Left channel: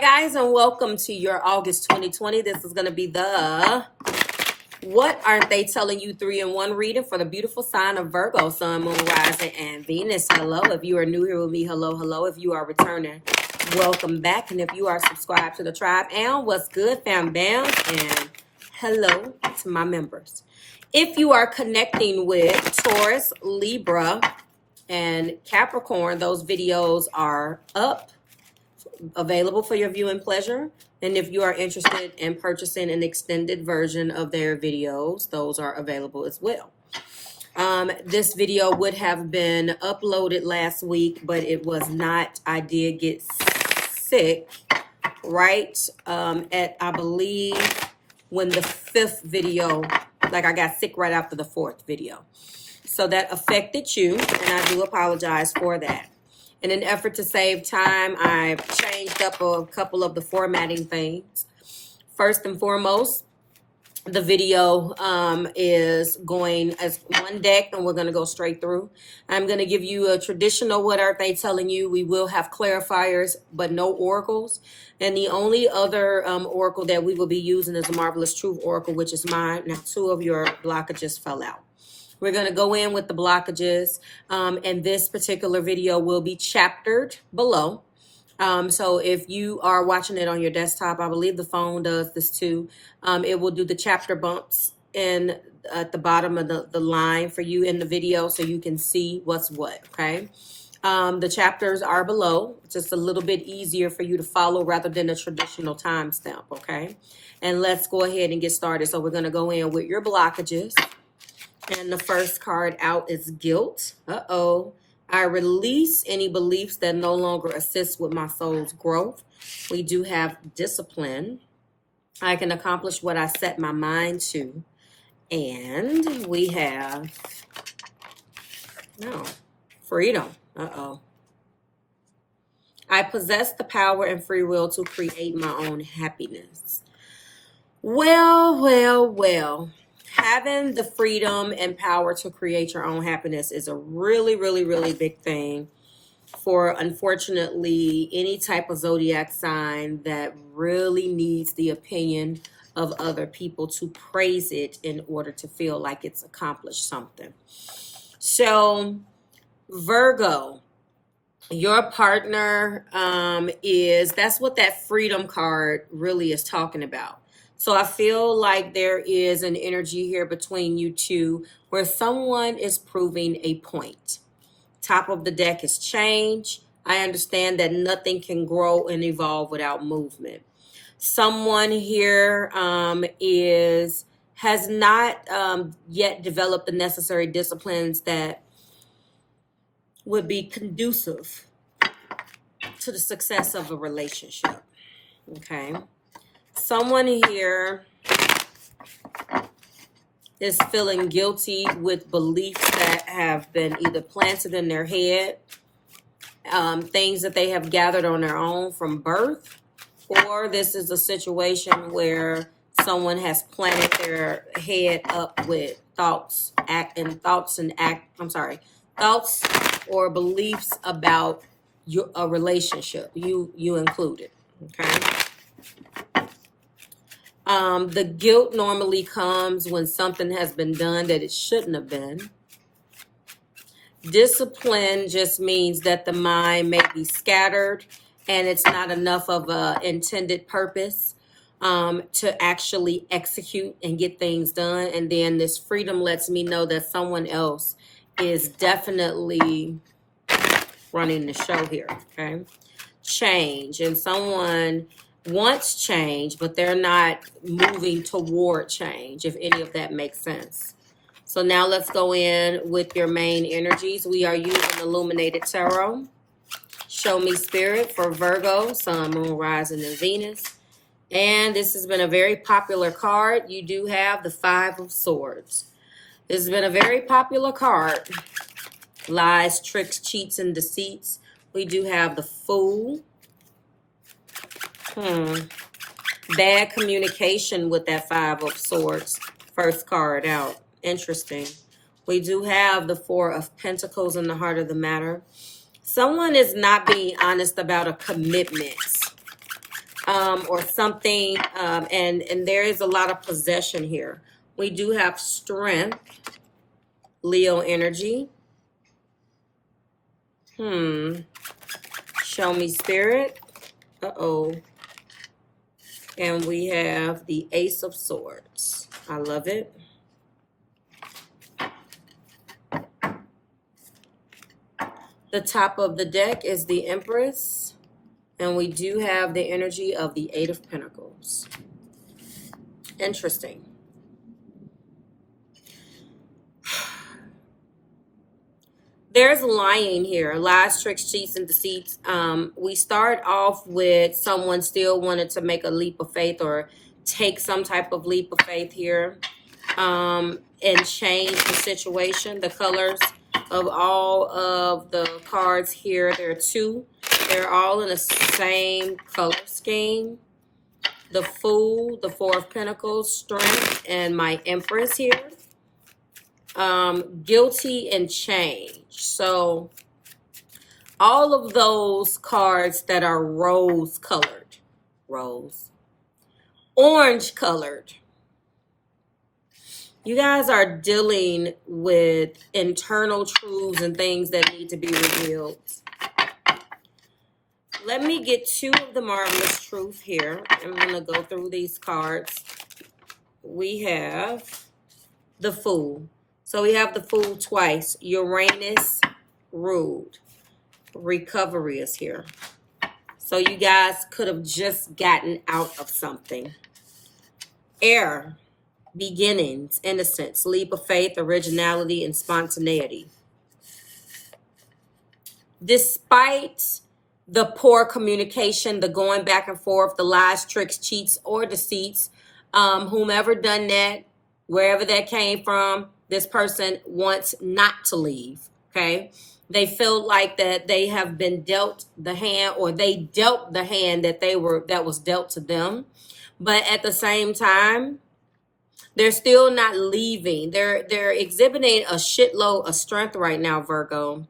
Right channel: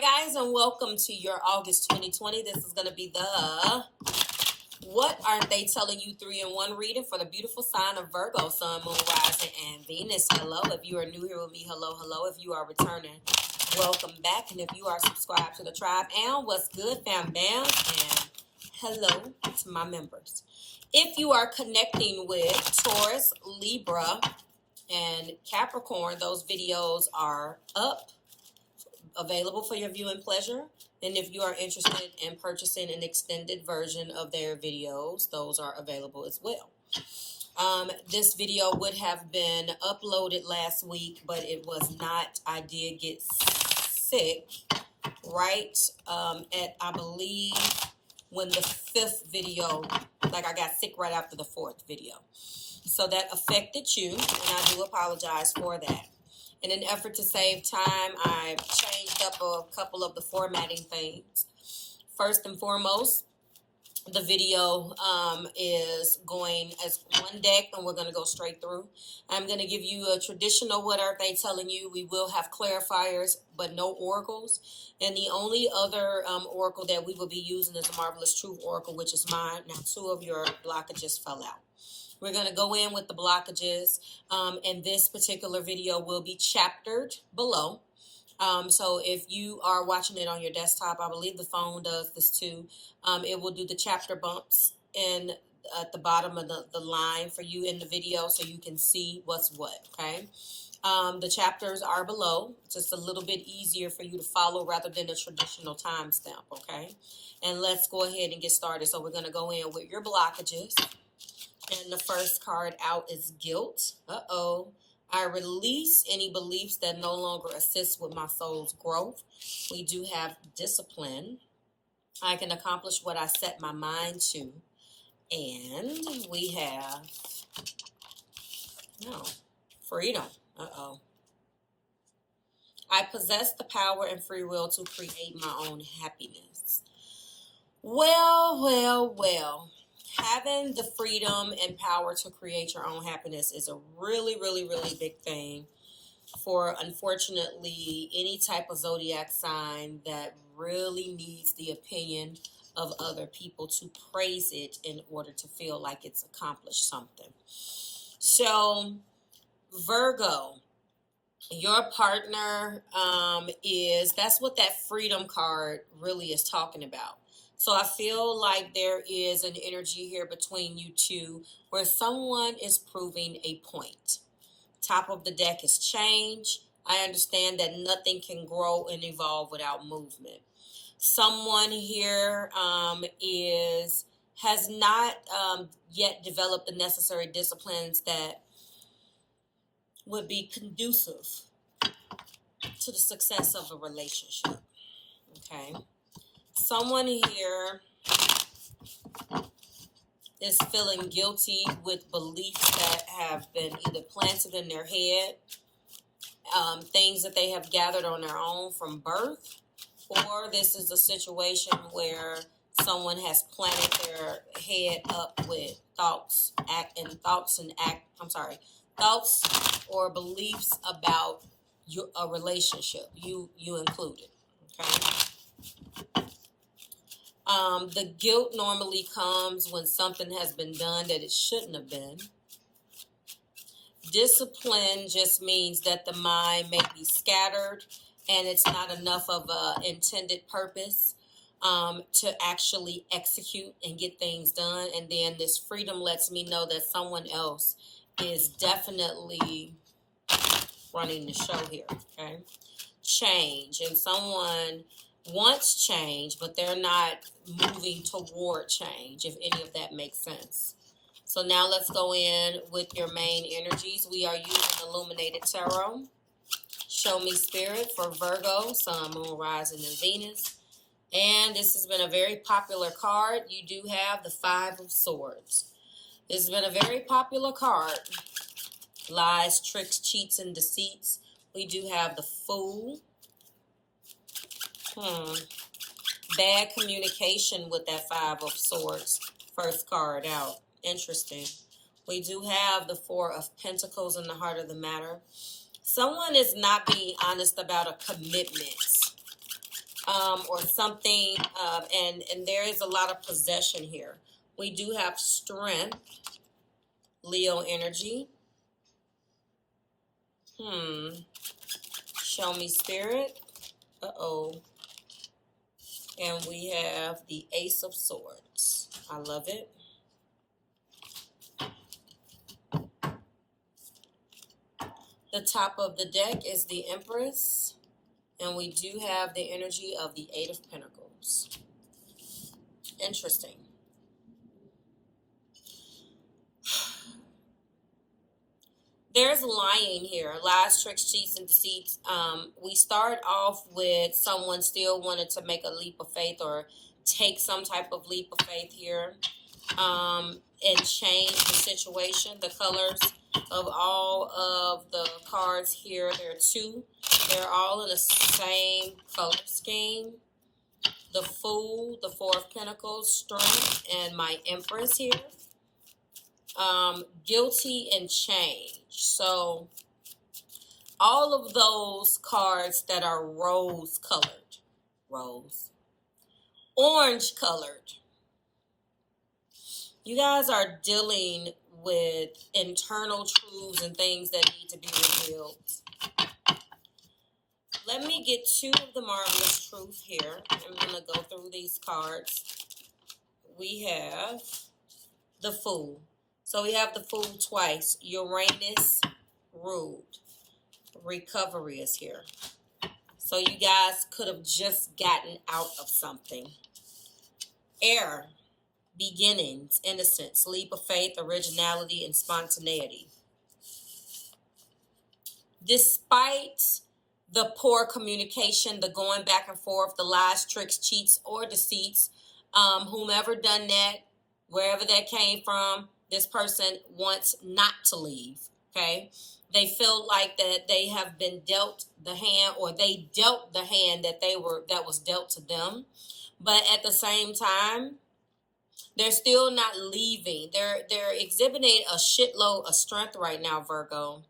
guys, and welcome to your August 2020. This is going to be the What Aren't They Telling You 3-in-1 reading for the beautiful sign of Virgo, Sun, Moon, Rising, and Venus. Hello. If you are new here with me, hello, hello. If you are returning, welcome back. And if you are subscribed to the tribe, and what's good, fam bam, and hello to my members. If you are connecting with Taurus, Libra, and Capricorn, those videos are up, available for your viewing pleasure. And if you are interested in purchasing an extended version of their videos, those are available as well. This video would have been uploaded last week, but it was not. I did get sick right at, I believe, when the 5th video, like I got sick right after the 4th video. So that affected you, and I do apologize for that. In an effort to save time, I've changed up a couple of the formatting things. First and foremost, the video is going as one deck, and we're going to go straight through. I'm going to give you a traditional What Aren't They Telling You. We will have clarifiers, but no oracles. And the only other oracle that we will be using is a Marvelous Truth Oracle, which is mine. Now, 2 of your blockages fell out. We're going to go in with the blockages, and this particular video will be chaptered below. So if you are watching it on your desktop, I believe the phone does this too. It will do the chapter bumps in at the bottom of the line for you in the video so you can see what's what, okay? The chapters are below. It's just a little bit easier for you to follow rather than a traditional timestamp, okay? And let's go ahead and get started. So we're going to go in with your blockages. And the first card out is guilt. I release any beliefs that no longer assist with my soul's growth. We do have discipline. I can accomplish what I set my mind to. And we have, freedom. I possess the power and free will to create my own happiness. Well. Having the freedom and power to create your own happiness is a really, really, really big thing for, unfortunately, any type of zodiac sign that really needs the opinion of other people to praise it in order to feel like it's accomplished something. So, Virgo, your partner that's what that freedom card really is talking about. So I feel like there is an energy here between you two where someone is proving a point. Top of the deck is change. I understand that nothing can grow and evolve without movement. Someone here has not yet developed the necessary disciplines that would be conducive to the success of a relationship. Okay. Someone here is feeling guilty with beliefs that have been either planted in their head, things that they have gathered on their own from birth, or this is a situation where someone has planted their head up with thoughts or beliefs about a relationship, you included, okay? The guilt normally comes when something has been done that it shouldn't have been. Discipline just means that the mind may be scattered and it's not enough of an intended purpose to actually execute and get things done. And then this freedom lets me know that someone else is definitely running the show here, okay? Change, and someone wants change, but they're not moving toward change, if any of that makes sense. So now let's go in with your main energies. We are using Illuminated Tarot. Show me spirit for Virgo, Sun, Moon, Rising, and Venus. And this has been a very popular card. You do have the 5 of Swords. This has been a very popular card. Lies, tricks, cheats, and deceits. We do have the Fool. Bad communication with that 5 of Swords. First card out. Interesting. We do have the 4 of Pentacles in the heart of the matter. Someone is not being honest about a commitment. or something, and there is a lot of possession here. We do have strength, Leo energy. Show me spirit. Uh-oh. And we have the Ace of Swords. I love it. The top of the deck is the Empress. And we do have the energy of the Eight of Pentacles. Interesting. There's lying here. Lies, tricks, cheats, and deceits. We start off with someone still wanted to make a leap of faith or take some type of leap of faith here and change the situation. The colors of all of the cards here, there are two. They're all in the same color scheme. The Fool, the Four of Pentacles, Strength, and my Empress here. Guilty and change. So all of those cards that are rose colored, orange colored, you guys are dealing with internal truths and things that need to be revealed. Let me get two of the marvelous truth here. I'm going to go through these cards. We have the Fool. So we have the Fool twice. Uranus ruled. Recovery is here. So you guys could have just gotten out of something. Air. Beginnings. Innocence. Leap of faith. Originality and spontaneity. Despite the poor communication, the going back and forth, the lies, tricks, cheats, or deceits, whomever done that, wherever that came from, this person wants not to leave, okay? They feel like that they have been dealt the hand, or they dealt the hand that was dealt to them. But at the same time, they're still not leaving. They're exhibiting a shitload of strength right now, Virgo.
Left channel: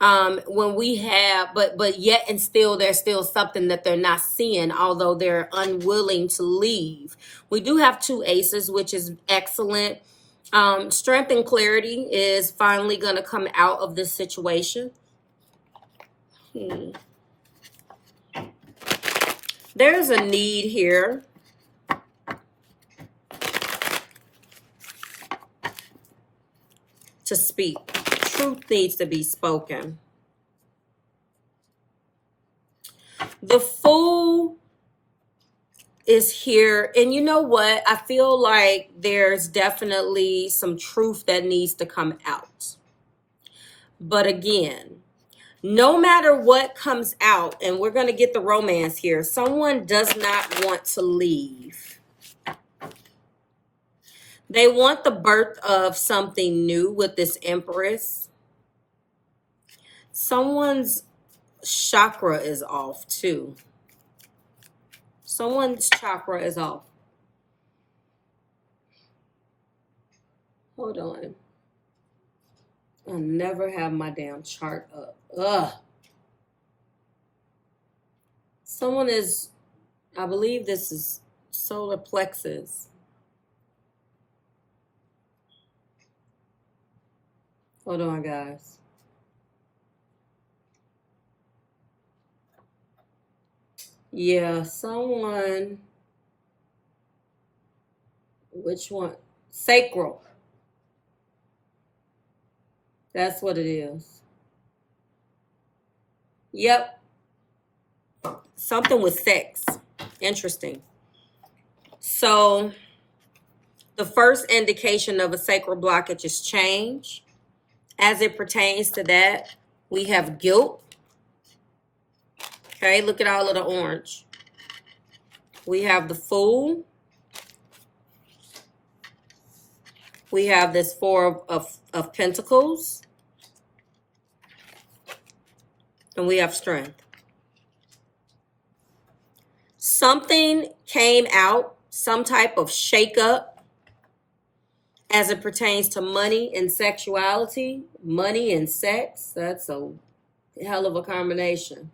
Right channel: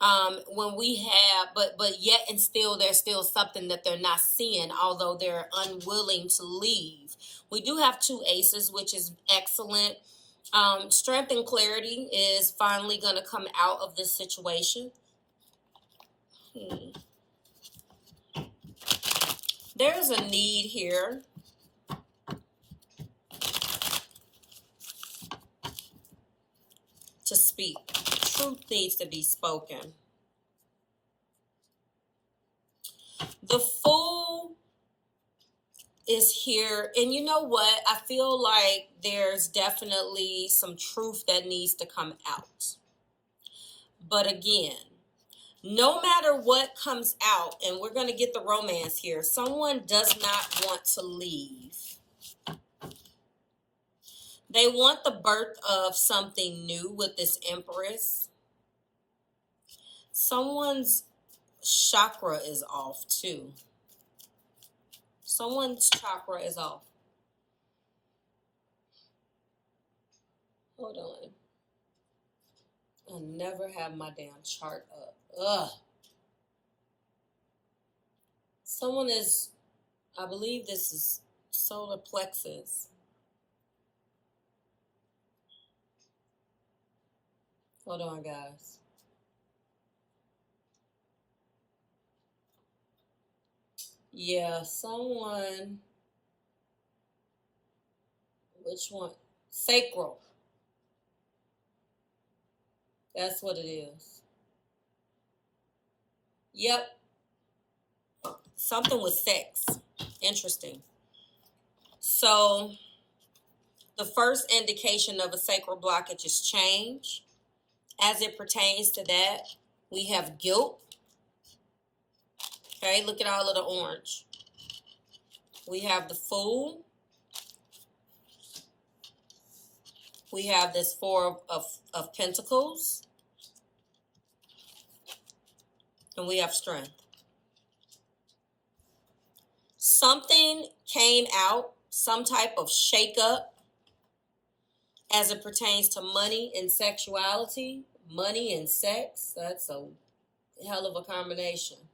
When we have, but yet and still, there's still something that they're not seeing, although they're unwilling to leave. We do have two aces, which is excellent. Strength and clarity is finally going to come out of this situation. There's a need here. To speak. Truth needs to be spoken. The Fool is here. And you know what? I feel like there's definitely some truth that needs to come out. But again, no matter what comes out, and we're going to get the romance here, someone does not want to leave. They want the birth of something new with this Empress. Someone's chakra is off too. Someone's chakra is off. Hold on. I never have my damn chart up. Ugh. Someone is, I believe this is solar plexus. Hold on, guys. Yeah, someone. Which one? Sacral. That's what it is. Yep. Something with sex. Interesting. So, the first indication of a sacral blockage is change. As it pertains to that, we have guilt. Okay, look at all of the orange. We have the Fool. We have this Four of Pentacles. And we have Strength. Something came out, some type of shakeup as it pertains to money and sexuality. Money and sex, that's a hell of a combination.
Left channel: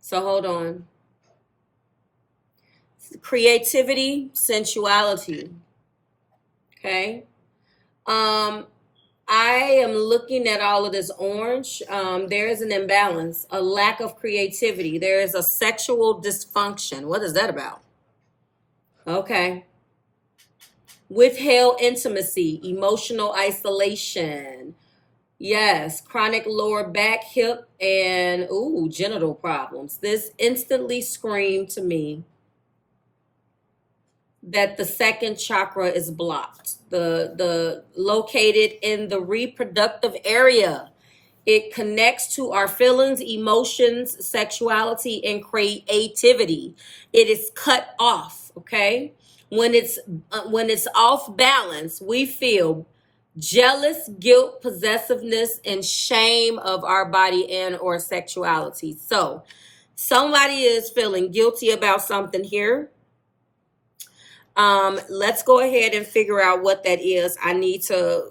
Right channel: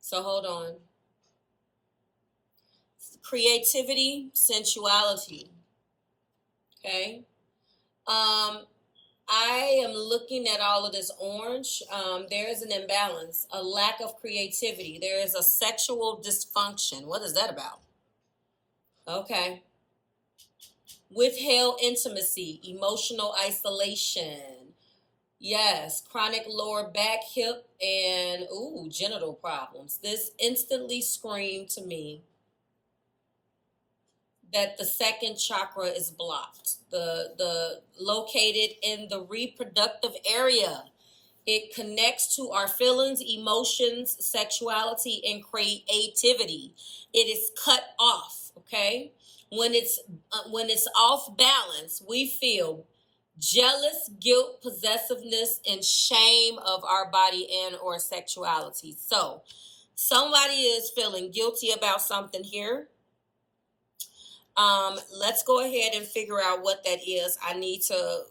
So hold on. Creativity, sensuality. Okay. I am looking at all of this orange. There is an imbalance, a lack of creativity. There is a sexual dysfunction. What is that about? Okay. Withheld intimacy, emotional isolation. Yes, chronic lower back, hip, and genital problems. This instantly screamed to me that the second chakra is blocked. The located in the reproductive area. It connects to our feelings, emotions, sexuality, and creativity. It is cut off, okay? When it's off balance, we feel jealous, guilt, possessiveness, and shame of our body and or sexuality. So somebody is feeling guilty about something here. Let's go ahead and figure out what that is. I need to,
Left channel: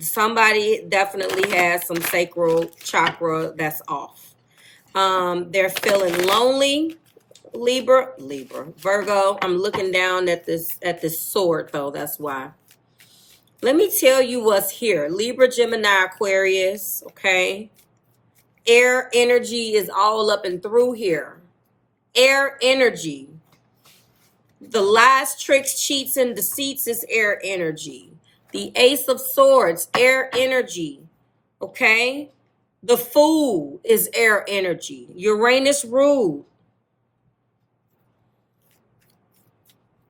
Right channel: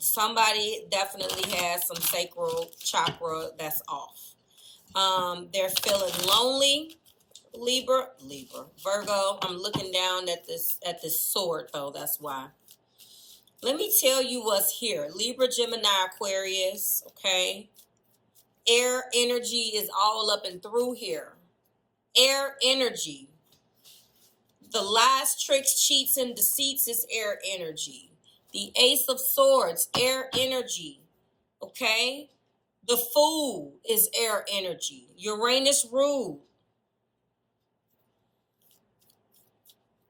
somebody definitely has some sacral chakra that's off. They're feeling lonely. Libra, Virgo. I'm looking down at this sword though. That's why. Let me tell you what's here. Libra, Gemini, Aquarius. Okay. Air energy is all up and through here. Air energy. The lies, tricks, cheats, and deceits is air energy. The Ace of Swords, air energy. Okay? The Fool is air energy. Uranus ruled.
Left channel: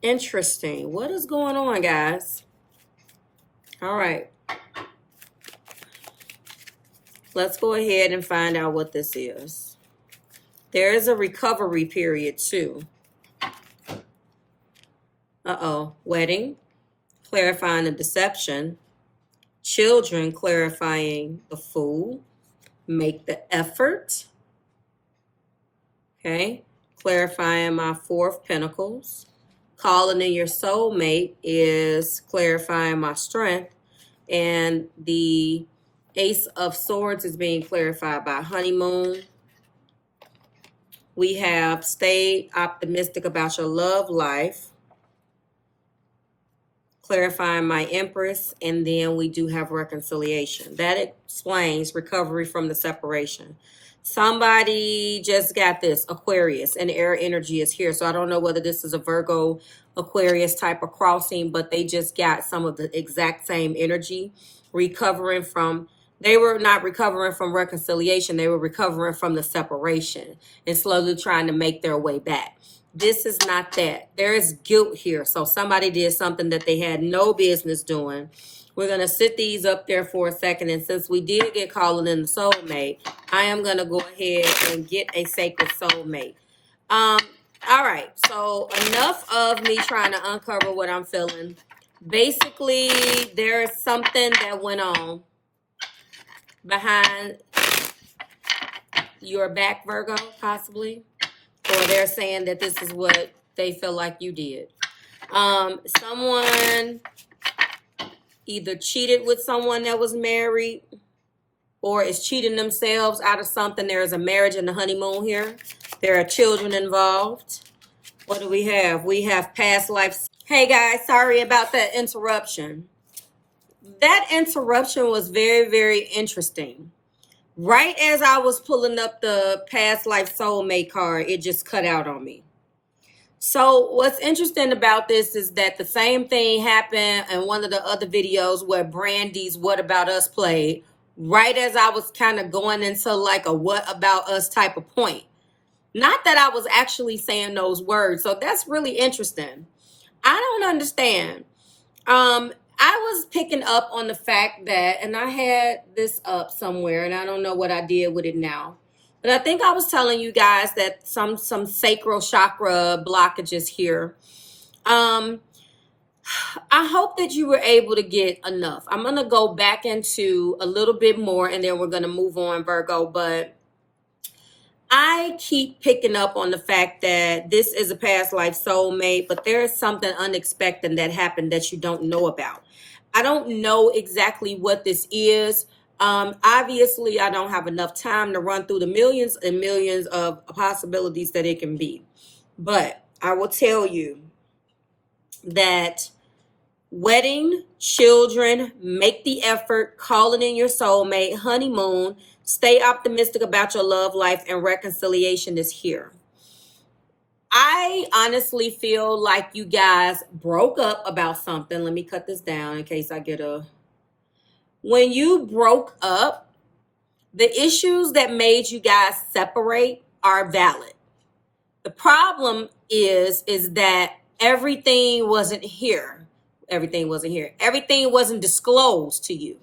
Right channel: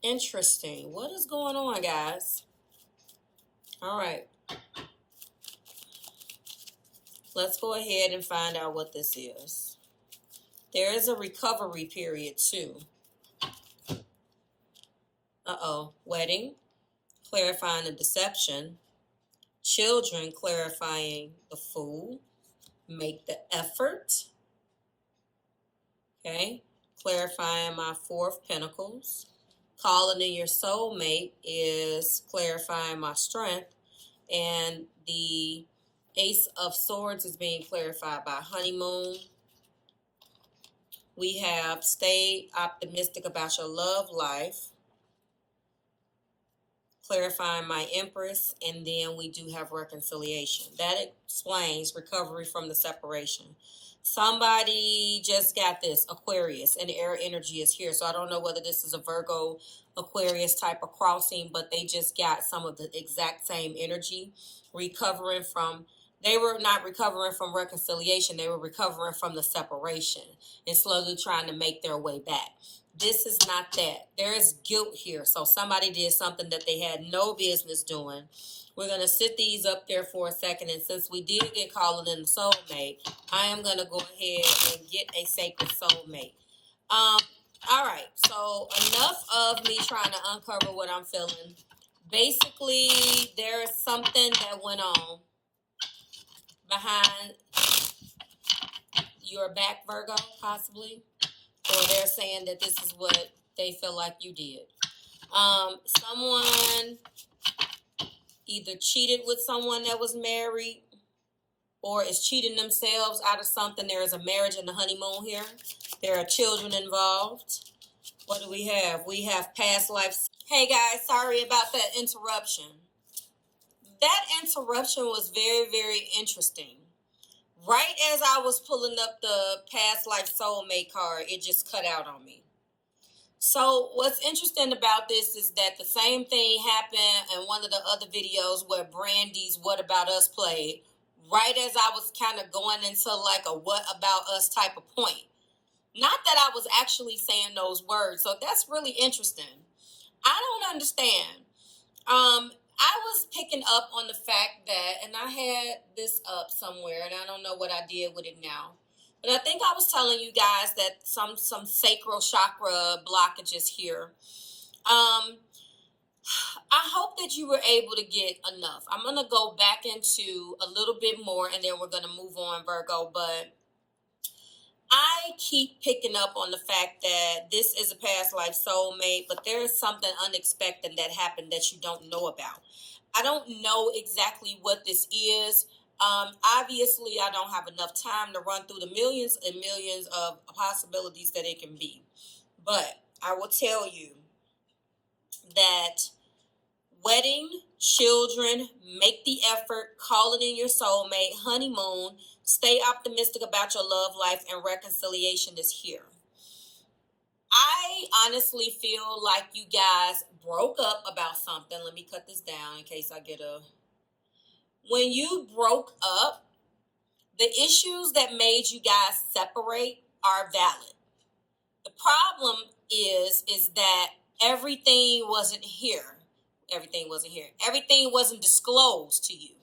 Interesting. What is going on, guys? All right. Let's go ahead and find out what this is. There is a recovery period, too. Wedding, clarifying the deception. Children, clarifying the Fool. Make the effort. Okay. Clarifying my Four of Pentacles. Calling in your soulmate is clarifying my strength. And the Ace of Swords is being clarified by honeymoon. We have stay optimistic about your love life. Clarifying my Empress, and then we do have reconciliation. That explains recovery from the separation. Somebody just got this, Aquarius, and air energy is here. So I don't know whether this is a Virgo Aquarius type of crossing, but they just got some of the exact same energy. They were not recovering from reconciliation. They were recovering from the separation and slowly trying to make their way back. This is not that. There is guilt here. So somebody did something that they had no business doing. We're going to sit these up there for a second. And since we did get calling in the soulmate, I am going to go ahead and get a sacred soulmate. All right. So enough of me trying to uncover what I'm feeling. Basically, there is something that went on behind your back, Virgo, possibly. Or they're saying that this is what they feel like you did. Someone either cheated with someone that was married or is cheating themselves out of something. There is a marriage and a honeymoon here. There are children involved. What do we have? We have past lives. Hey guys, sorry about that interruption. That interruption was very, very interesting. Right as I was pulling up the past life soulmate card, it just cut out on me. So what's interesting about this is that the same thing happened in one of the other videos where Brandy's What About Us played, right as I was kind of going into like a what about us type of point. Not that I was actually saying those words. So that's really interesting. I don't understand. I was picking up on the fact that, and I had this up somewhere, and I don't know what I did with it now. But I think I was telling you guys that some sacral chakra blockages here. I hope that you were able to get enough. I'm going to go back into a little bit more, and then we're going to move on, Virgo. But I keep picking up on the fact that this is a past life soulmate, but there is something unexpected that happened that you don't know about. I don't know exactly what this is. Obviously, I don't have enough time to run through the millions and millions of possibilities that it can be. But I will tell you that wedding, children, make the effort, call it in your soulmate, honeymoon, stay optimistic about your love life, and reconciliation is here. I honestly feel like you guys broke up about something. Let me cut this down in case I get a... When you broke up, the issues that made you guys separate are valid. The problem is that everything wasn't here. Everything wasn't here. Everything wasn't disclosed to you.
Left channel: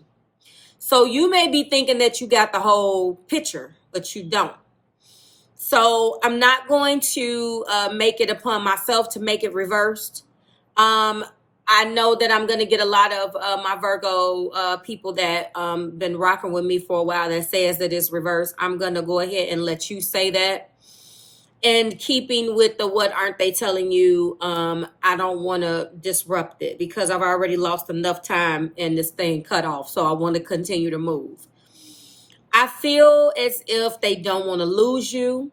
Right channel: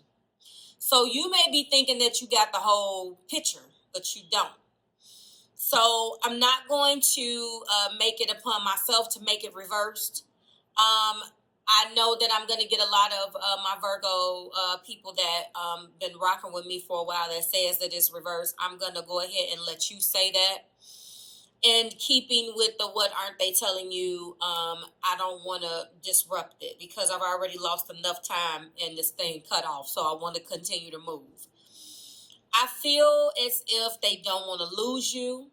So you may be thinking that you got the whole picture, but you don't. So I'm not going to make it upon myself to make it reversed. I know that I'm going to get a lot of my Virgo people that been rocking with me for a while that says that it's reversed. I'm going to go ahead and let you say that. And keeping with the what aren't they telling you, I don't want to disrupt it because I've already lost enough time and this thing cut off. So I want to continue to move. I feel as if they don't want to lose you.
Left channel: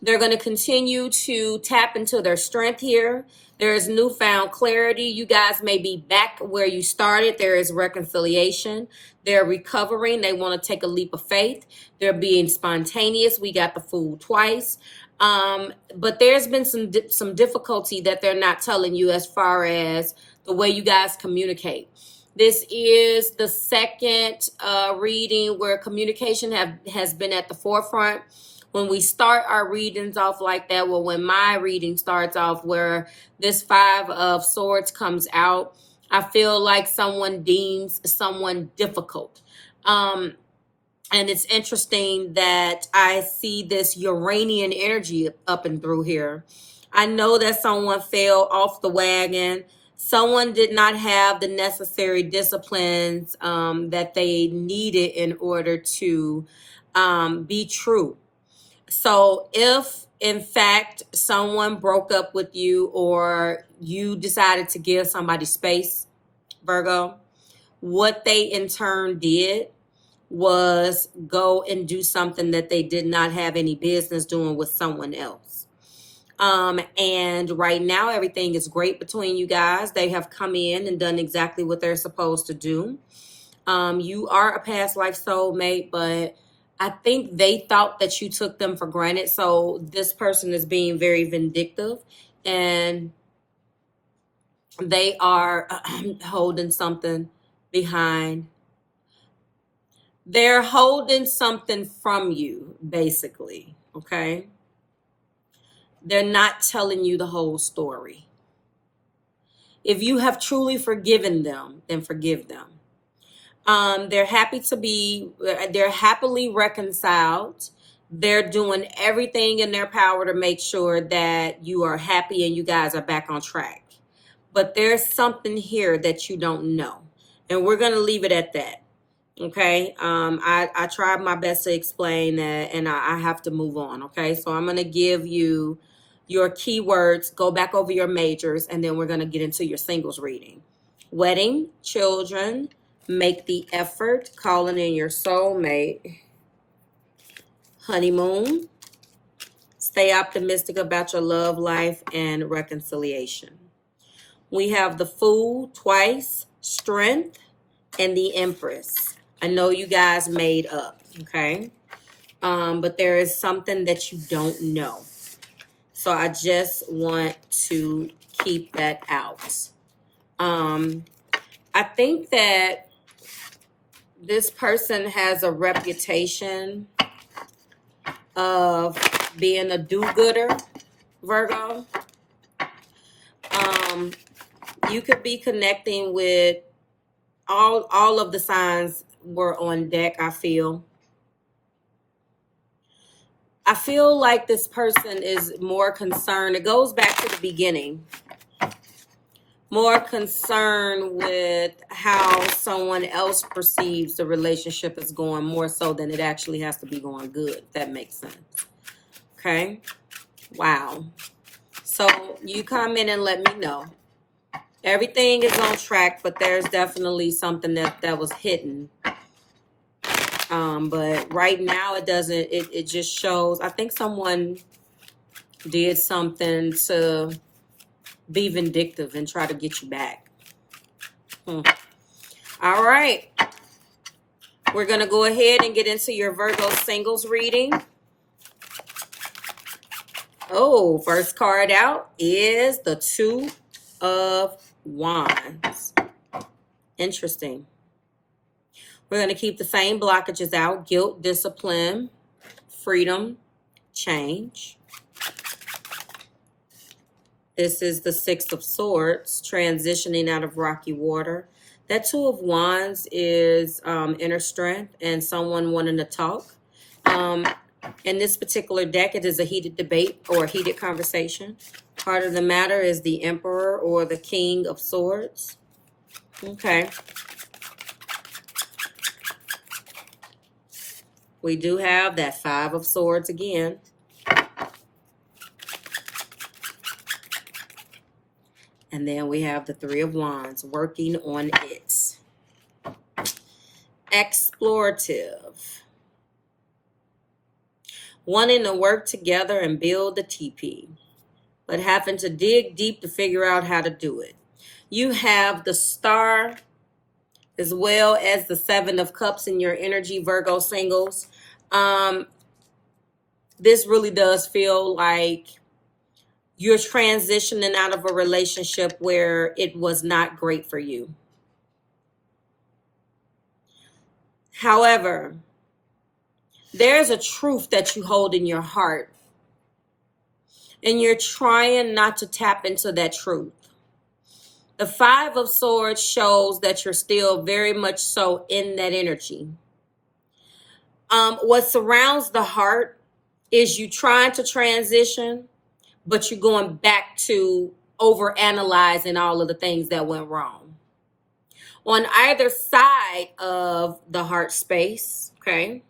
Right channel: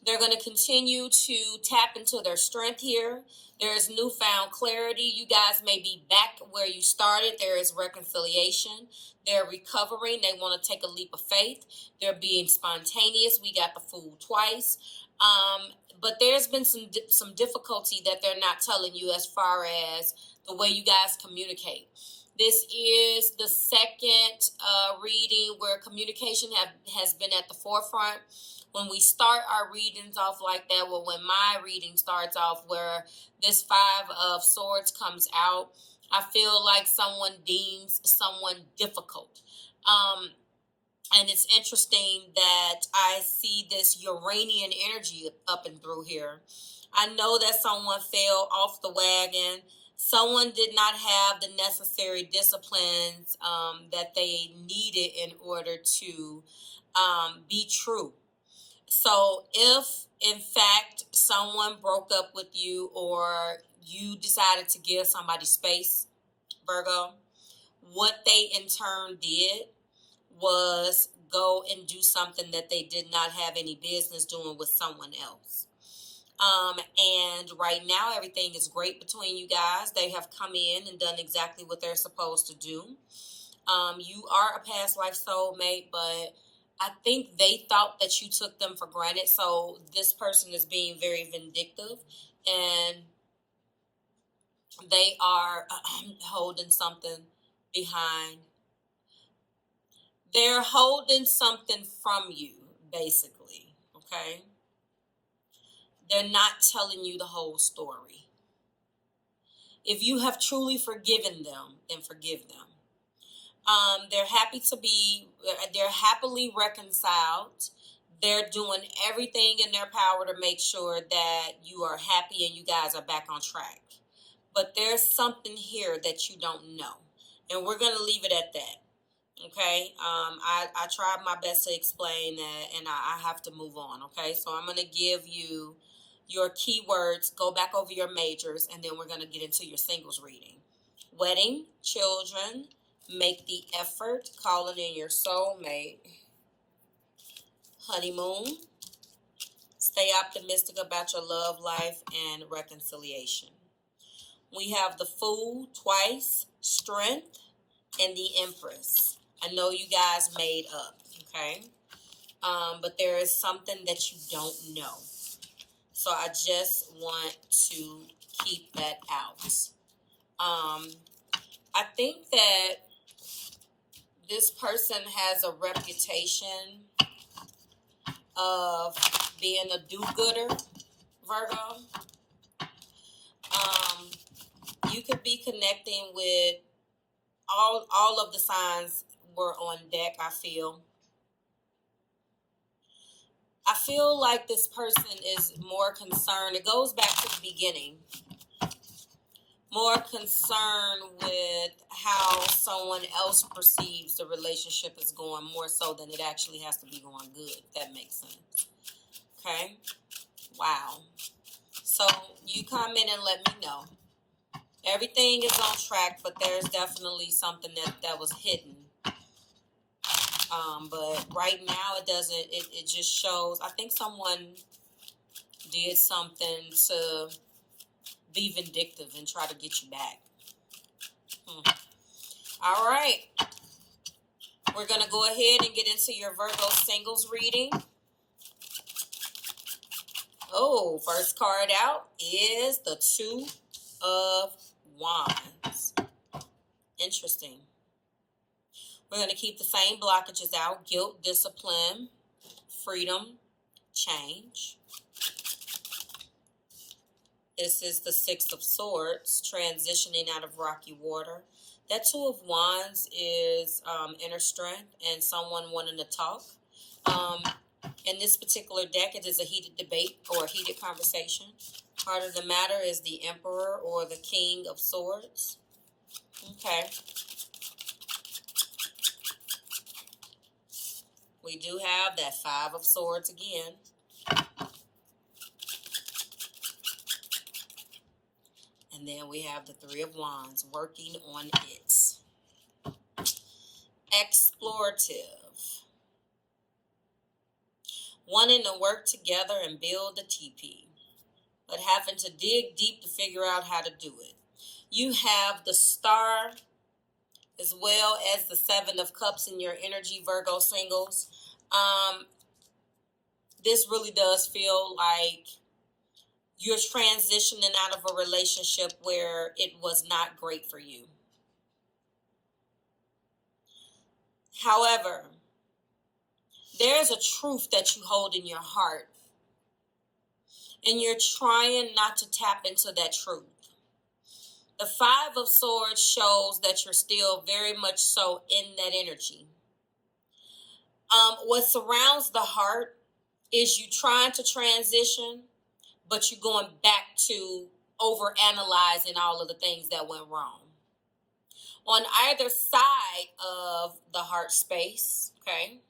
They're going to continue to tap into their strength here. There is newfound clarity. You guys may be back where you started. There is reconciliation. They're recovering. They want to take a leap of faith. They're being spontaneous. We got the fool twice. But there's been some difficulty that they're not telling you as far as the way you guys communicate. This is the second reading where communication has been at the forefront. When we start our readings off like that, well, when my reading starts off where this 5 of Swords comes out, I feel like someone deems someone difficult. And it's interesting that I see this Uranian energy up and through here. I know that someone fell off the wagon. Someone did not have the necessary disciplines that they needed in order to be true. So if, in fact, someone broke up with you or you decided to give somebody space, Virgo, what they in turn did was go and do something that they did not have any business doing with someone else. And right now, everything is great between you guys. They have come in and done exactly what they're supposed to do. You are a past life soulmate, but I think they thought that you took them for granted. So this person is being very vindictive and they are holding something behind. They're holding something from you, basically, okay? They're not telling you the whole story. If you have truly forgiven them, then forgive them. They're happily reconciled. They're doing everything in their power to make sure that you are happy and you guys are back on track. But there's something here that you don't know. And we're going to leave it at that. Okay. I tried my best to explain that and I have to move on. Okay. So I'm going to give you your keywords, go back over your majors, and then we're going to get into your singles reading. Wedding, children, make the effort, calling in your soulmate, honeymoon, stay optimistic about your love life, and reconciliation. We have the Fool twice, strength, and the Empress. I know you guys made up, okay? But there is something that you don't know. So I just want to keep that out. I think that this person has a reputation of being a do-gooder, Virgo. You could be connecting with all of the signs were on deck, I feel. I feel like this person is more concerned. It goes back to the beginning. More concerned with how someone else perceives the relationship is going more so than it actually has to be going good, if that makes sense. Okay? Wow. So you come in and let me know. Everything is on track, but there's definitely something that was hidden. But right now it doesn't, it just shows, I think someone did something to be vindictive and try to get you back. All right. We're going to go ahead and get into your Virgo singles reading. Oh, first card out is the Two of Wands. Interesting. We're going to keep the same blockages out: guilt, discipline, freedom, change. This is the Six of Swords, transitioning out of rocky water. That Two of Wands is inner strength and someone wanting to talk. In this particular deck, it is a heated debate or a heated conversation. Heart of the matter is the Emperor or the King of Swords. Okay. We do have that Five of Swords again. And then we have the Three of Wands, working on it. Explorative. Wanting to work together and build the TP, but having to dig deep to figure out how to do it. You have the Star as well as the Seven of Cups in your energy, Virgo singles. This really does feel like you're transitioning out of a relationship where it was not great for you. However, there's a truth that you hold in your heart, and you're trying not to tap into that truth. The Five of Swords shows that you're still very much so in that energy. What surrounds the heart is you trying to transition, but you're going back to overanalyzing all of the things that went wrong. On either side of the heart space, okay,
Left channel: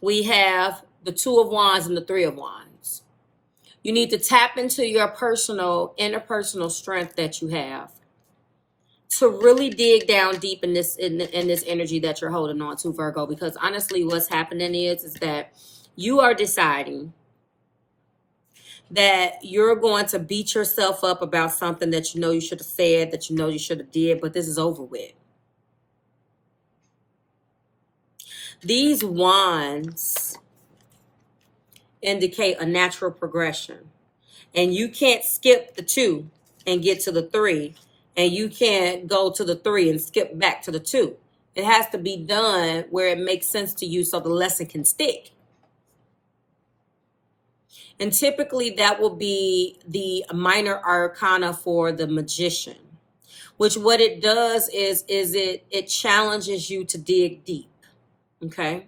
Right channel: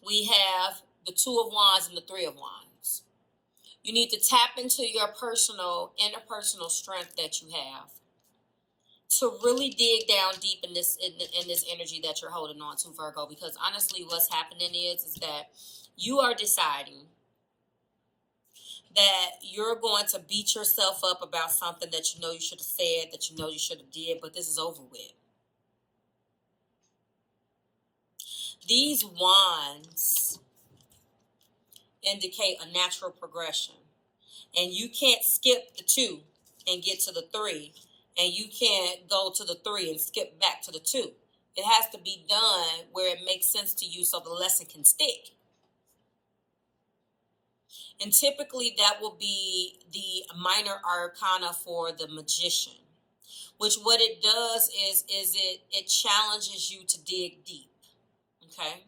we have the Two of Wands and the Three of Wands. You need to tap into your interpersonal strength that you have to really dig down deep in this energy that you're holding on to, Virgo. Because honestly, what's happening is that you are deciding that you're going to beat yourself up about something that you know you should have said, that you know you should have did, but this is over with. These wands indicate a natural progression. And you can't skip the two and get to the three. And you can't go to the three and skip back to the two. It has to be done where it makes sense to you so the lesson can stick. And typically that will be the minor arcana for the magician. Which what it does is it challenges you to dig deep. Okay.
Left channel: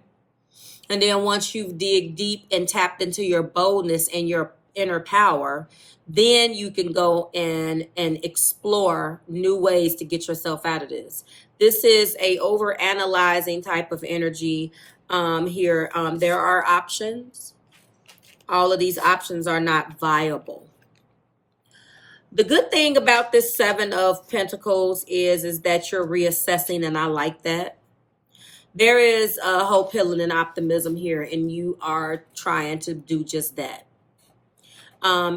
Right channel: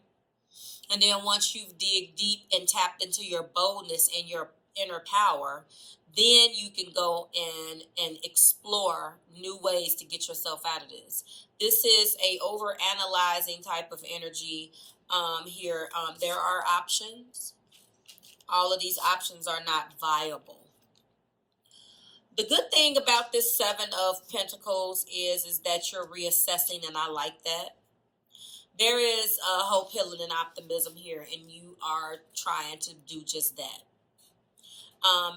And then once you've dig deep and tapped into your boldness and your inner power, then you can go and explore new ways to get yourself out of this. This is a over-analyzing type of energy here. There are options. All of these options are not viable. The good thing about this Seven of Pentacles is that you're reassessing, and I like that. There is hope, healing, and optimism here, and you are trying to do just that.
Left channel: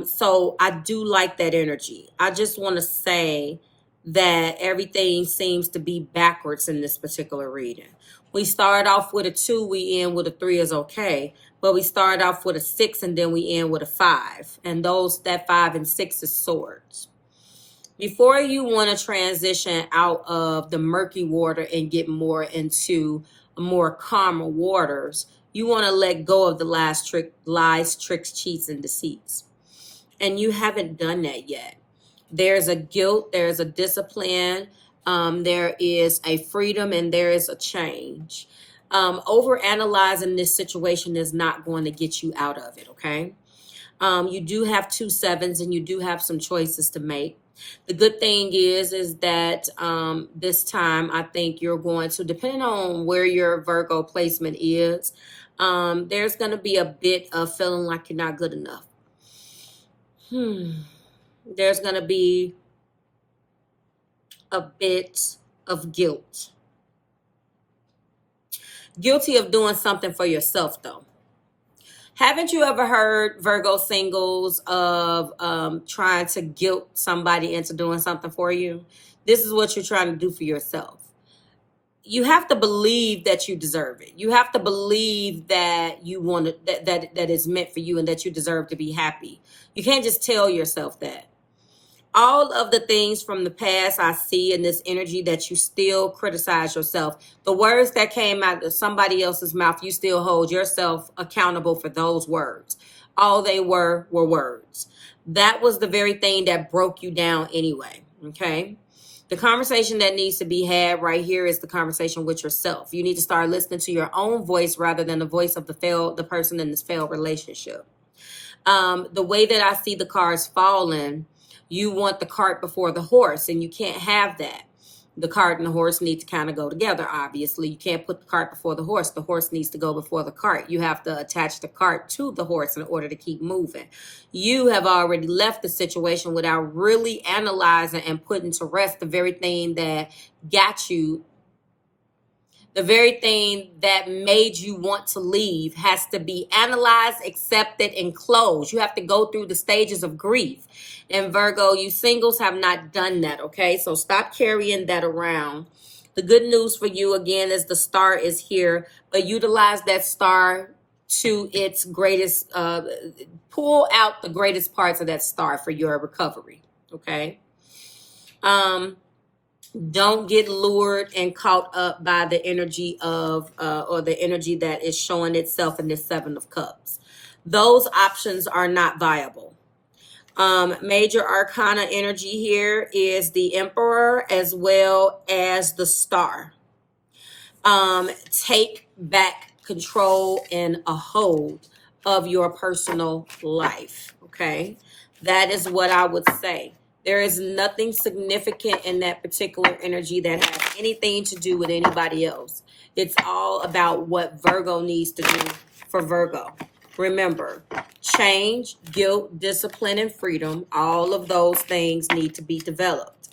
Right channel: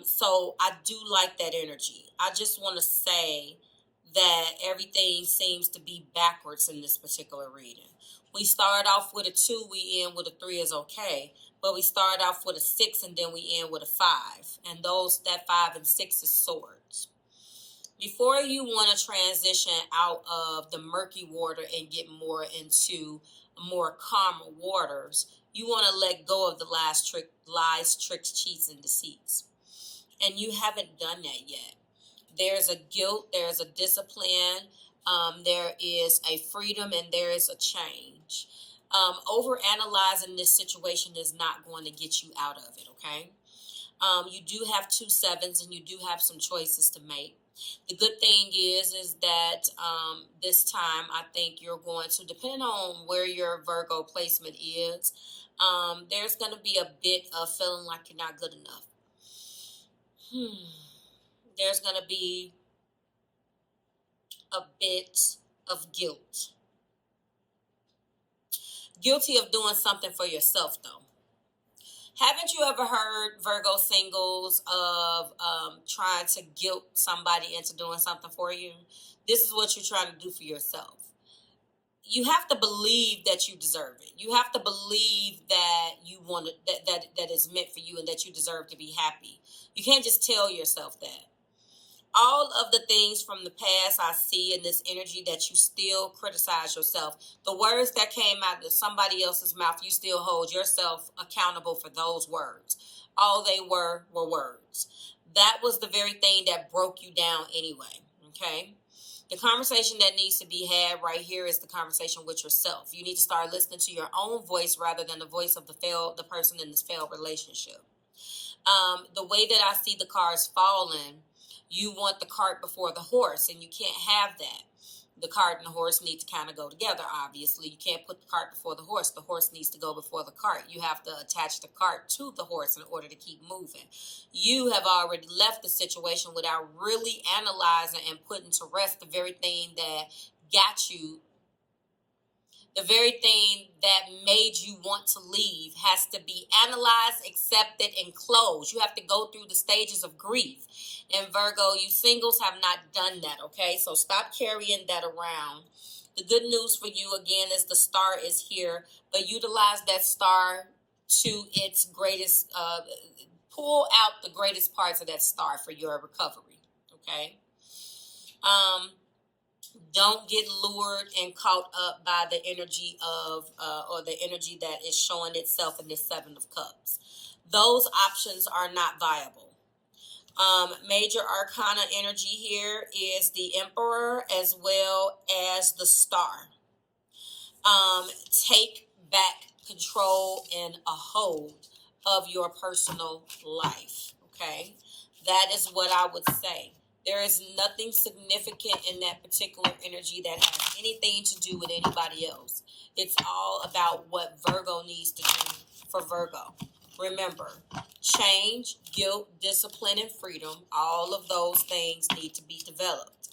So I do like that energy. I just want to say that everything seems to be backwards in this particular reading. We start off with a 2, we end with a 3 is okay. But we start off with a 6 and then we end with a 5. And that 5 and 6 is swords. Before you want to transition out of the murky water and get more into more calmer waters, you want to let go of the lies, tricks, cheats, and deceits. And you haven't done that yet. There's a guilt, there's a discipline, there is a freedom, and there is a change. Overanalyzing this situation is not going to get you out of it, okay? You do have 2 sevens and you do have some choices to make. The good thing is that this time I think you're going to, depending on where your Virgo placement is, there's going to be a bit of feeling like you're not good enough. There's going to be a bit of guilt. Guilty of doing something for yourself, though. Haven't you ever heard, Virgo singles, of trying to guilt somebody into doing something for you? This is what you're trying to do for yourself. You have to believe that you deserve it. You have to believe that you want it, that is meant for you, and that you deserve to be happy. You can't just tell yourself that. All of the things from the past I see in this energy that you still criticize yourself. The words that came out of somebody else's mouth, you still hold yourself accountable for those words. All they were words. That was the very thing that broke you down anyway, okay? The conversation that needs to be had right here is the conversation with yourself. You need to start listening to your own voice rather than the voice of the person in this failed relationship. The way that I see the cards falling, you want the cart before the horse, and you can't have that. The cart and the horse need to kind of go together, obviously. You can't put the cart before the horse. The horse needs to go before the cart. You have to attach the cart to the horse in order to keep moving. You have already left the situation without really analyzing and putting to rest the very thing that got you. The very thing that made you want to leave has to be analyzed, accepted, and closed. You have to go through the stages of grief. And Virgo, you singles have not done that, okay? So stop carrying that around. The good news for you, again, is the star is here. But utilize that star to its greatest, pull out the greatest parts of that star for your recovery, okay? Don't get lured and caught up by the energy of, or the energy that is showing itself in this Seven of Cups. Those options are not viable. Major arcana energy here is the Emperor as well as the Star. Take back control and a hold of your personal life, okay? That is what I would say. There is nothing significant in that particular energy that has anything to do with anybody else. It's all about what Virgo needs to do for Virgo. Remember, change, guilt, discipline, and freedom, all of those things need to be developed.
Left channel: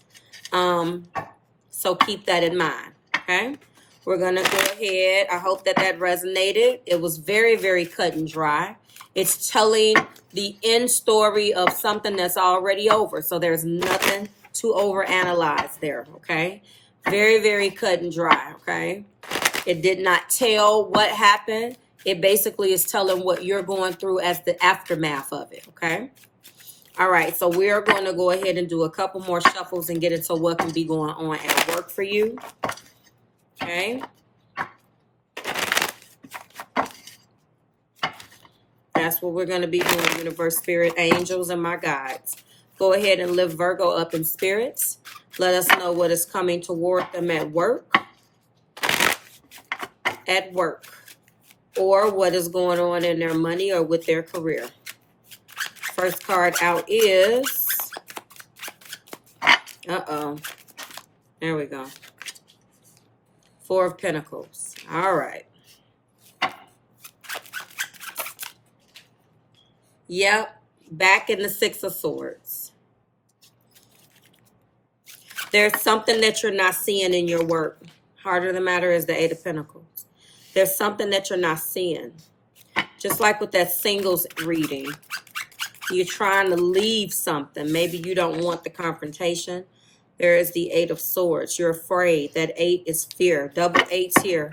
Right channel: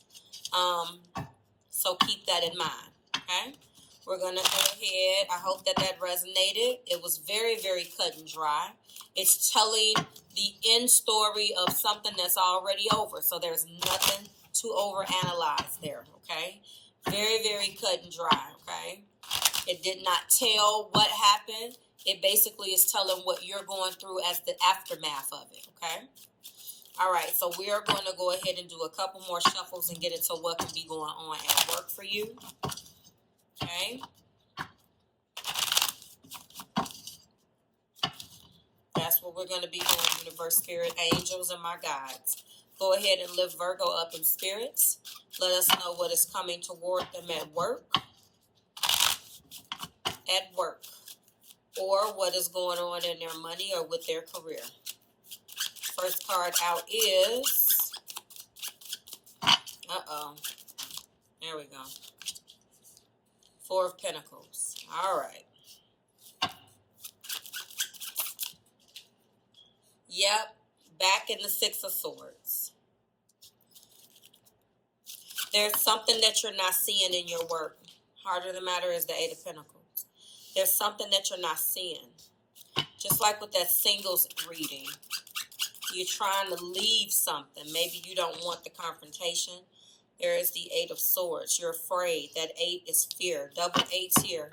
So keep that in mind, okay? We're going to go ahead. I hope that resonated. It was very, very cut and dry. It's telling the end story of something that's already over. So there's nothing to overanalyze there, okay? Very, very cut and dry, okay? It did not tell what happened. It basically is telling what you're going through as the aftermath of it, okay? All right, so we're going to go ahead and do a couple more shuffles and get into what can be going on at work for you, okay? That's what we're going to be doing, universe, spirit, angels, and my guides. Go ahead and lift Virgo up in spirits. Let us know what is coming toward them at work. Or what is going on in their money or with their career. First card out is, there we go. Four of Pentacles. All right. Yep, back in the Six of Swords. There's something that you're not seeing in your work. Heart of the matter is the Eight of Pentacles. There's something that you're not seeing. Just like with that singles reading. You're trying to leave something. Maybe you don't want the confrontation. There is the Eight of Swords. You're afraid. That 8 is fear. Double 8's here.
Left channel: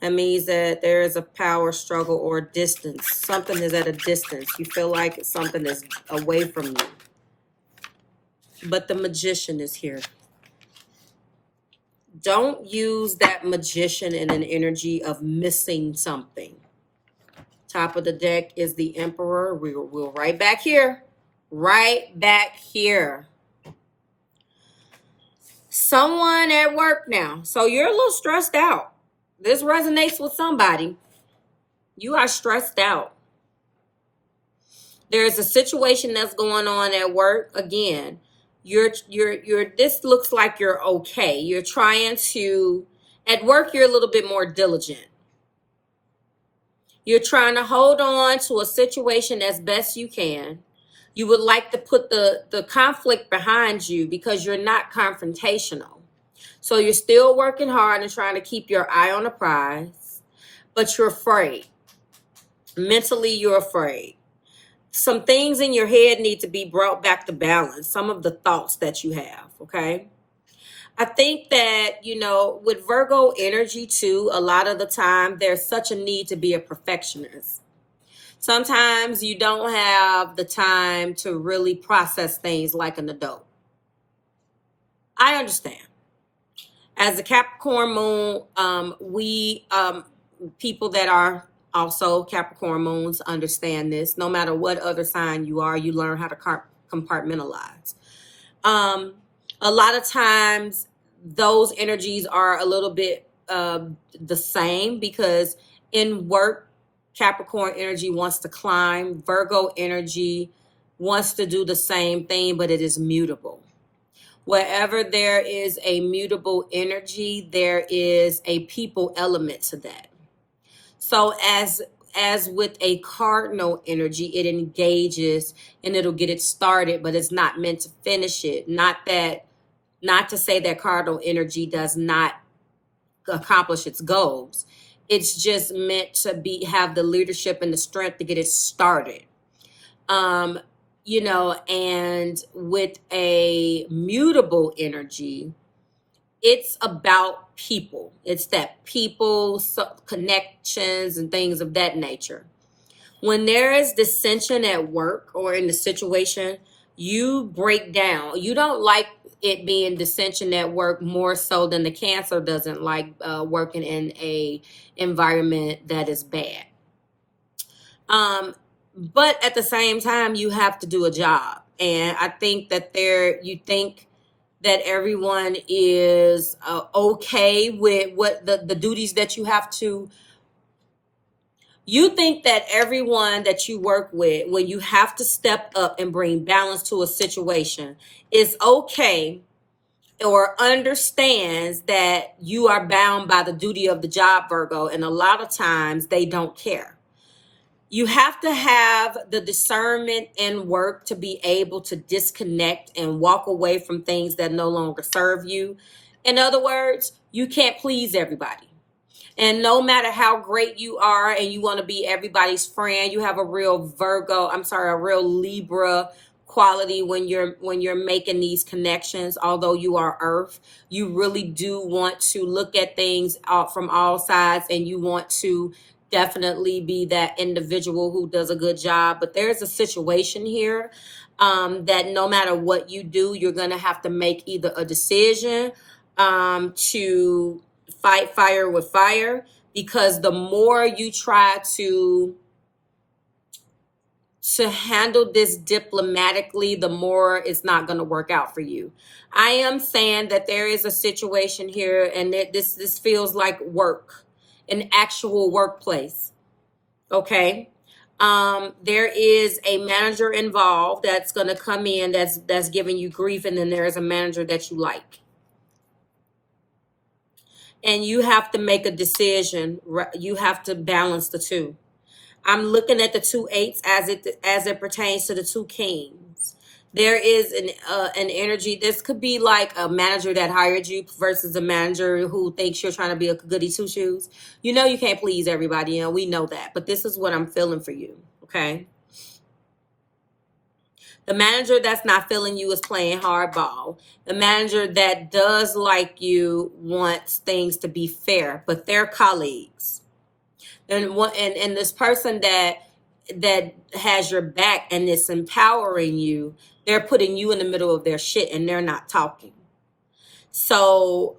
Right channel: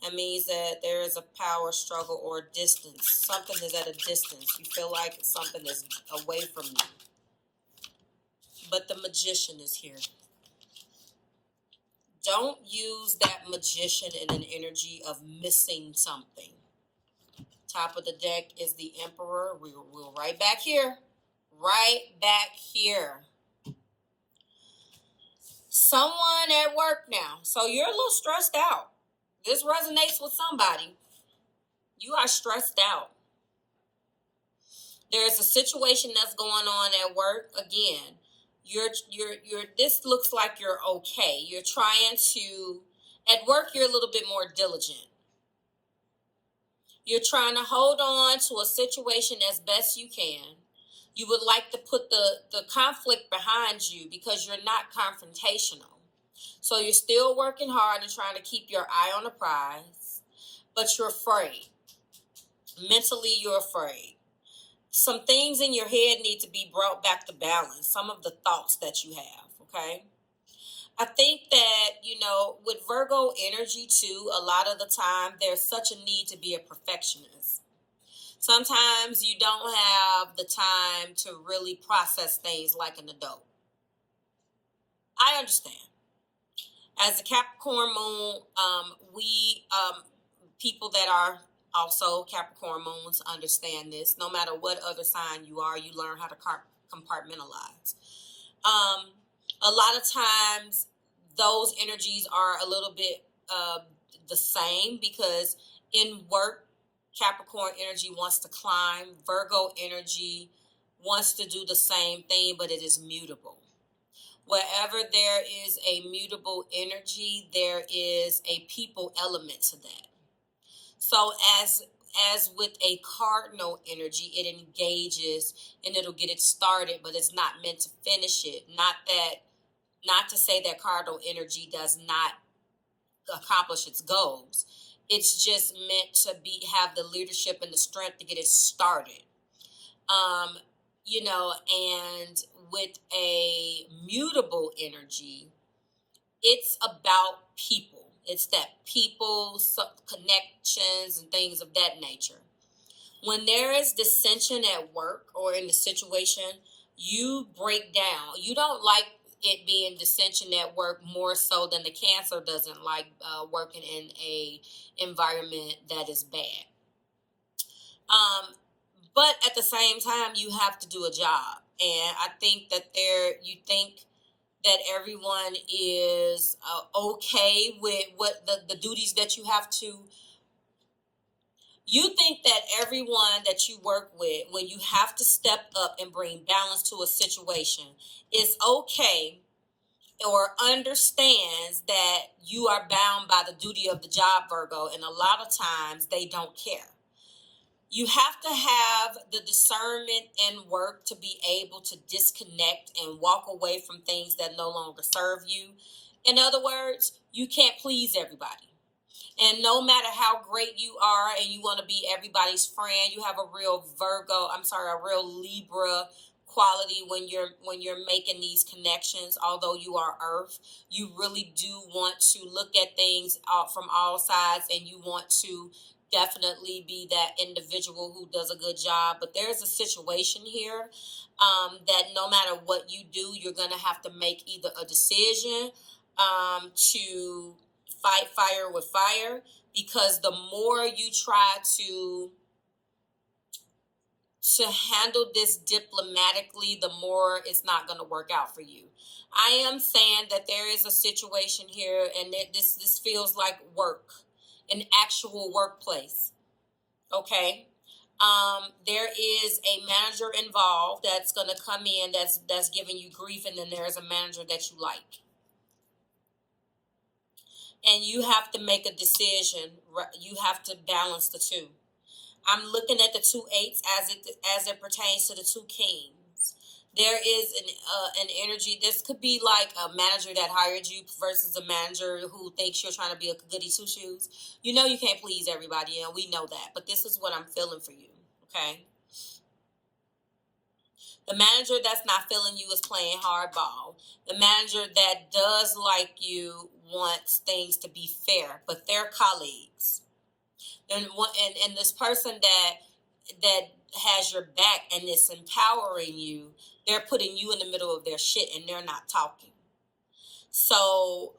That means that there is a power struggle or distance. Something is at a distance. You feel like something is away from you. But the Magician is here. Don't use that Magician in an energy of missing something. Top of the deck is the Emperor. We're right back here. Right back here. Someone at work now. So you're a little stressed out. This resonates with somebody. You are stressed out. There's a situation that's going on at work. Again, this looks like you're okay. You're trying to, at work, you're a little bit more diligent. You're trying to hold on to a situation as best you can. You would like to put the conflict behind you because you're not confrontational. So you're still working hard and trying to keep your eye on the prize, but you're afraid. Mentally, you're afraid. Some things in your head need to be brought back to balance. Some of the thoughts that you have, okay? I think that, with Virgo energy too, a lot of the time there's such a need to be a perfectionist. Sometimes you don't have the time to really process things like an adult. I understand. As a Capricorn moon, we people that are also Capricorn moons understand this. No matter what other sign you are, you learn how to compartmentalize. A lot of times those energies are a little bit the same, because in work, Capricorn energy wants to climb. Virgo energy wants to do the same thing, but it is mutable. Wherever there is a mutable energy, there is a people element to that. So as with a cardinal energy, it engages and it'll get it started, but it's not meant to finish it. Not to say that cardinal energy does not accomplish its goals. It's just meant to have the leadership and the strength to get it started. And with a mutable energy, it's about people. It's that people, connections, and things of that nature. When there is dissension at work or in the situation, you break down. You don't like it being dissension at work more so than the Cancer doesn't like working in a environment that is bad. But at the same time, you have to do a job. And I think that you think that everyone is okay with what the duties that you have to. You think that everyone that you work with, when you have to step up and bring balance to a situation, is okay or understands that you are bound by the duty of the job, Virgo. And a lot of times they don't care. You have to have the discernment in work to be able to disconnect and walk away from things that no longer serve you. In other words, you can't please everybody. And no matter how great you are and you want to be everybody's friend, you have a real a real Libra quality when you're making these connections. Although you are Earth, you really do want to look at things out from all sides, and you want to definitely be that individual who does a good job. But there's a situation here that no matter what you do, you're going to have to make either a decision to fight fire with fire, because the more you try to handle this diplomatically, the more it's not going to work out for you. I am saying that there is a situation here, and this feels like work, an actual workplace. Okay. There is a manager involved that's going to come in that's giving you grief, and then there's a manager that you like. And you have to make a decision. You have to balance the two. I'm looking at the 2 8s as it pertains to the 2 kings. There is an energy. This could be like a manager that hired you versus a manager who thinks you're trying to be a goody two shoes. You know you can't please everybody, and we know that. But this is what I'm feeling for you, okay? The manager that's not feeling you is playing hardball. The manager that does like you wants things to be fair, but they're colleagues. And this person that has your back and is empowering you, they're putting you in the middle of their shit and they're not talking. So,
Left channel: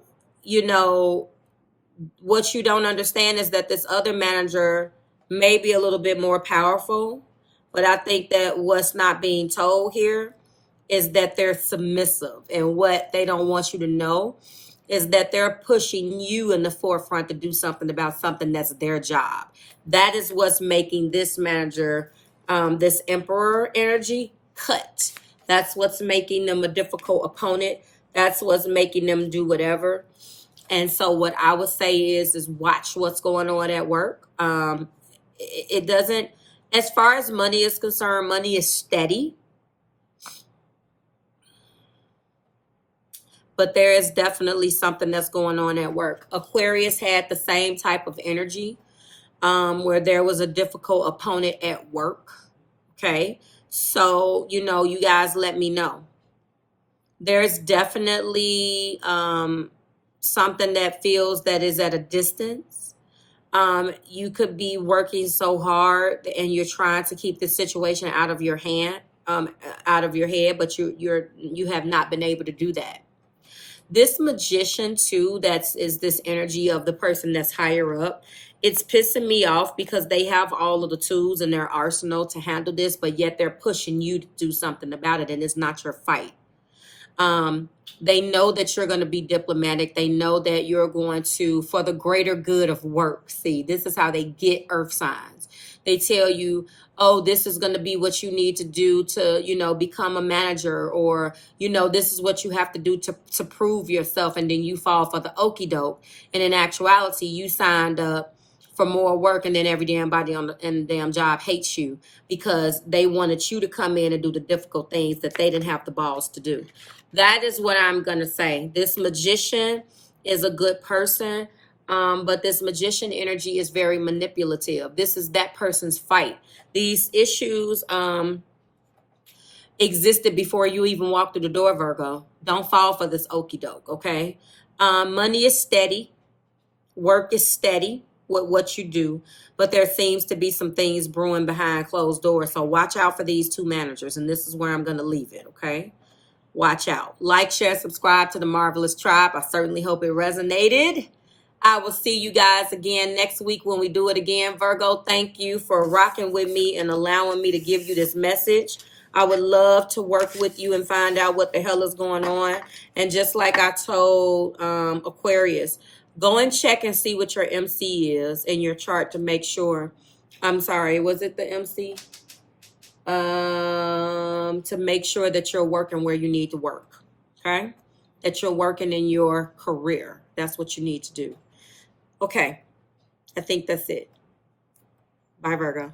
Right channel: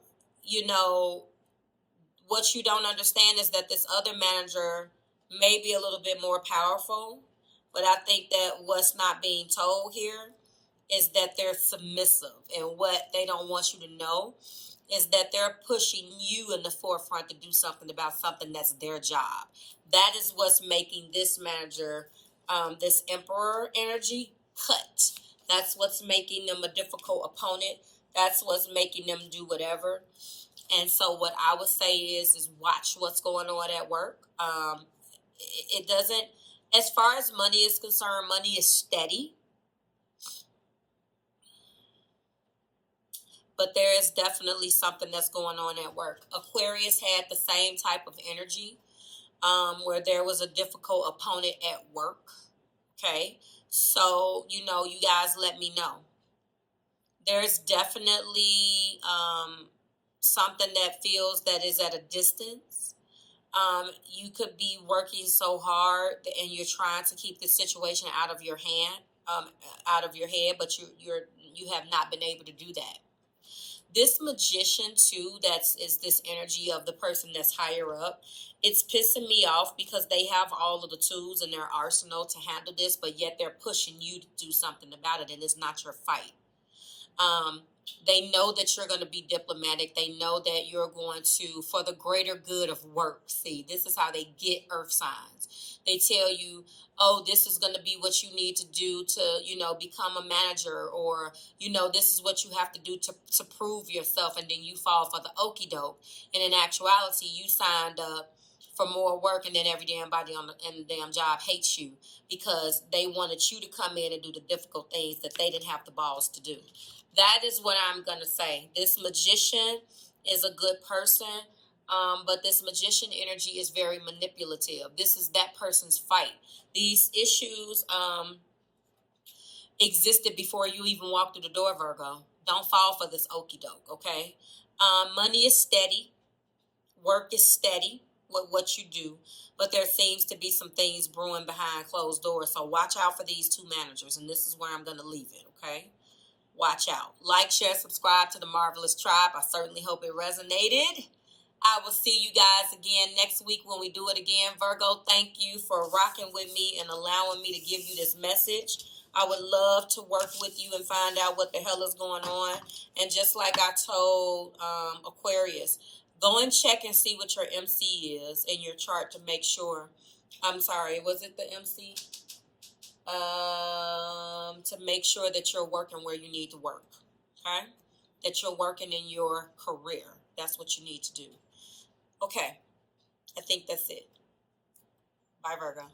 what you don't understand is that this other manager may be a little bit more powerful, but I think that what's not being told here is that they're submissive. And what they don't want you to know is that they're pushing you in the forefront to do something about something that's their job. That is what's making this manager, this emperor energy, cut. That's what's making them a difficult opponent. That's what's making them do whatever. And so what I would say is watch what's going on at work. It doesn't, as far as money is concerned, money is steady. But there is definitely something that's going on at work. Aquarius had the same type of energy. where there was a difficult opponent at work. Okay. So, you know, you guys let me know. There's definitely something that feels that is at a distance. You could be working so hard and you're trying to keep the situation out of your hand, out of your head, but you have not been able to do that. This magician too, is this energy of the person that's higher up. It's pissing me off because they have all of the tools in their arsenal to handle this, but yet they're pushing you to do something about it, and it's not your fight. They know that you're going to be diplomatic. They know that you're going to, for the greater good of work. See, this is how they get earth signs. They tell you, oh, this is going to be what you need to do to, you know, become a manager, or, you know, this is what you have to do to prove yourself. And then you fall for the okie doke. And in actuality, you signed up for more work, and then every damn body in the damn job hates you because they wanted you to come in and do the difficult things that they didn't have the balls to do. That is what I'm going to say. This magician is a good person, but this magician energy is very manipulative. This is that person's fight. These issues existed before you even walked through the door, Virgo. Don't fall for this okie doke, okay? Money is steady. Work is steady with what you do, but there seems to be some things brewing behind closed doors. So watch out for these two managers, and this is where I'm going to leave it, okay? Watch out. Like, share, subscribe to the Marvelous Tribe. I certainly hope it resonated. I will see you guys again next week when we do it again. Virgo, thank you for rocking with me and allowing me to give you this message. I would love to work with you and find out what the hell is going on. And just like I told Aquarius, go and check and see what your MC is in your chart to make sure. I'm sorry, was it the MC? To make sure that you're working where you need to work, okay? That you're working in your career. That's what you need to do. Okay, I think that's it. Bye, Virgo.